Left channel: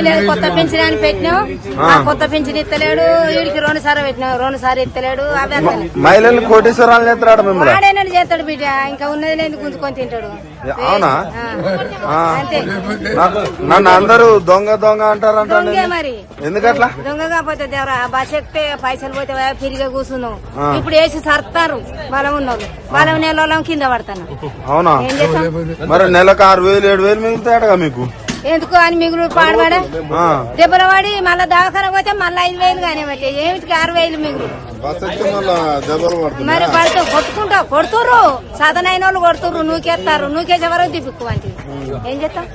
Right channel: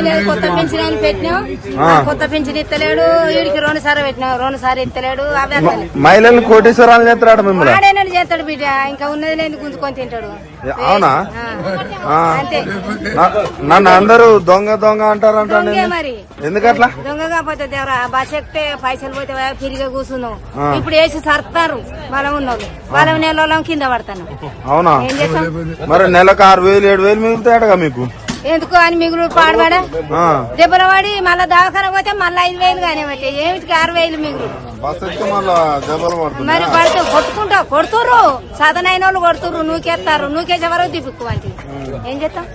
ఏమి లేదు, కొత్త పింఛన్ అని పెట్టినాం. ఆ కొత్త పింఛన్ ఇస్తలేడు, వీడికి 2 సార్లు పెట్టినాం, 2 సార్లు ఇస్తలేడు. అవి వస్తలేదు. మహిళలు కోటేశ్వరాలు చేస్తాడు, వాడేనాడు చేస్తాడు బిడ్డ, ఇంకా ఉన్నది లేదు గుంజుకొని తింటాడు. అంతే. అందరూ దొంగ దొంగ అంటారు. దొంగే మరి, ఎందుకట్లా? దొంగ కాకపోతే దేవరా బస్ ఎక్కితే పైసలు పోతే ఫ్రీగా కూర్చున్నాం. ఇప్పుడు వేసి సర్తారు బలం ఉన్నోళ్ళు, బలం నెల కింద పడతాను. ఏం చేస్తాం మరి? నెలకు 6,000 7,000 మిగులుతాడుగా మీకు. ఎందుకు అని మిగులు పాడబడా దెబ్బలు పడి మళ్ళా దవాఖాన పోతే మళ్ళీ 5,000 కానీ బట్టి ఏమిటికి 6,000 మిగులు. మరి పడితే కొడుతుర్రు, సదనైన వాళ్ళు కొడుతుర్రు, నూకేస్తారు, నూకేసే వరకు దిప్పుకు అంటే ఏం చేస్తాం?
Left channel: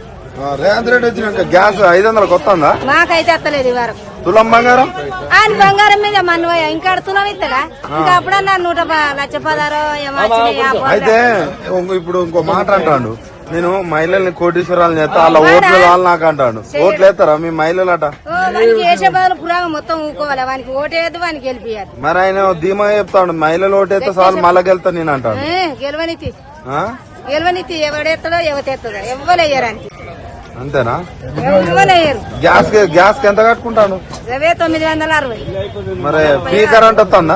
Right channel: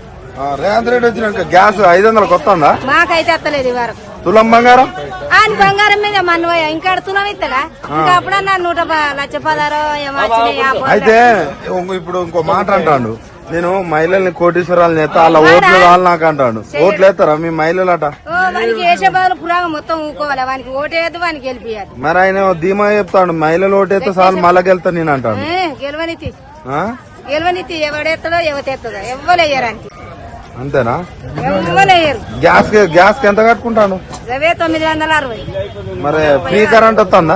రేవంత్ రెడ్డి వచ్చినాక గ్యాస్ 500 కొత్తందా? మాకైతే ఎత్తలేదు ఈ వరకు. తులం బంగారం ఆయన బంగారం మీద మన్ను ఇంకా తులం ఇస్తాడా? ఇంకా అప్పుడన్నా 1,16,000 ఏమో వచ్చినాయి. అయితే ఇప్పుడు ఇంకో మాట అంటాడు, నేను మహిళల్ని కోటేశ్వరాలు చేస్తా నాకు అంటాడు. ఓట్లు వేస్తారా మీ మహిళలు అట? వానికి వేసే బదులు పురాగం మొత్తం ఊకోవాలి, వానికి ఓటేయద్దు, వానికి గెలిపియాలి. మరి ఆయన ధీమా చెప్తాడు, మహిళలు ఓటేస్తే సార్ మళ్ళా గెలుతా నేను అంటాడు. గెలవనితి ఎవడెత్తడో ఎవతెత్తదో ఎవ్వలేయరానికి. అంతేనా? ఎవ్వలేయరు. గ్యాస్ ఎంత కట్టుకుంటాను? 960. మరి ఫ్రీ కరెంట్ వస్తుందా?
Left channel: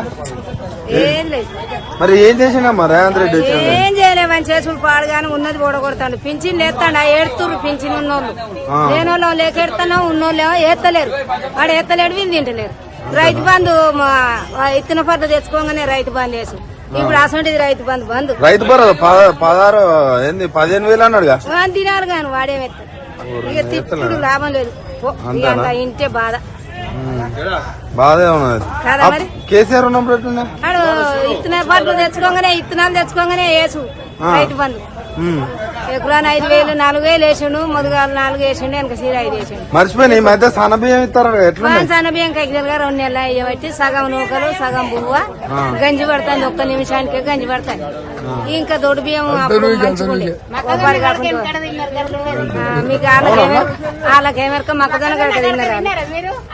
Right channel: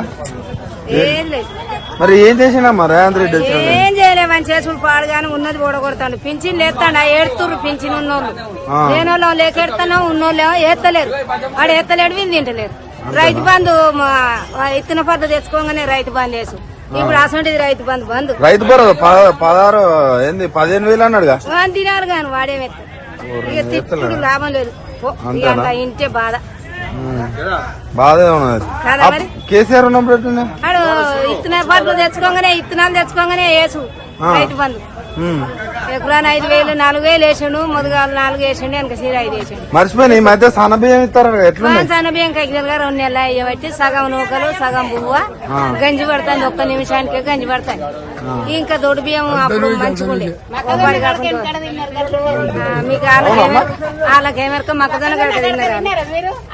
ఏం లేదు. మరి ఏం చేసినమ్మా రేవంత్ రెడ్డి? ఏం చేయలేవు, అని చేసులు పాడుగానే ఉన్నది ఓడగొడతాడు. పింఛన్ లేస్తాడు, ఏడుతుర్రు పింఛన్ ఉన్నోళ్ళు. లేనోళ్ళం లేకెడతాను, ఉన్నోళ్ళు ఏత్తలేరు. వాడు ఎత్తలేడు, వీళ్ళు తింటలేరు. రైతు బంధు ఇత్తన పద్ధతి తెచ్చుకోగానే రైతు బంధు వేసు. ఇప్పుడు అసలు రైతు బంధు బంధు. రైతు 15,000 అన్నాడుగా. తినాలి కానీ వాడేమెత్తాడు. ఇక తిట్టుడు లాభం లేదు. ఇక అంత ఇంటే బాధ బాధే ఉన్నది కదా. మరి కేసీఆర్ వాడు ఇత్తనాలు తెచ్చుకోగానే వేసు రైతు బంధు. ఎకరాన్ని 5,000 4,000 వేసాడు. మొదగాలు 4 వేసాడు, వెనక సీర 5 వేసాడు. మర్చిపోయి ఈ మధ్య సన్నబియ్యం ఇస్తారు. సన్నబియ్యం కైకిలుగా 2 నెలలు అయ్యబట్టి సగం నూకలు సగం బువ్వ గంజి పడతాను. 1 నిమిషానికే గంజి పడతాను. ఇంకా దొడ్డు బియ్యం అప్పుడు మంచిగుండే ఓపాడి కాకుండా. మీకు వాళ్ళకేమెరక మొక్కజొన్న కనుక తిన్నారు.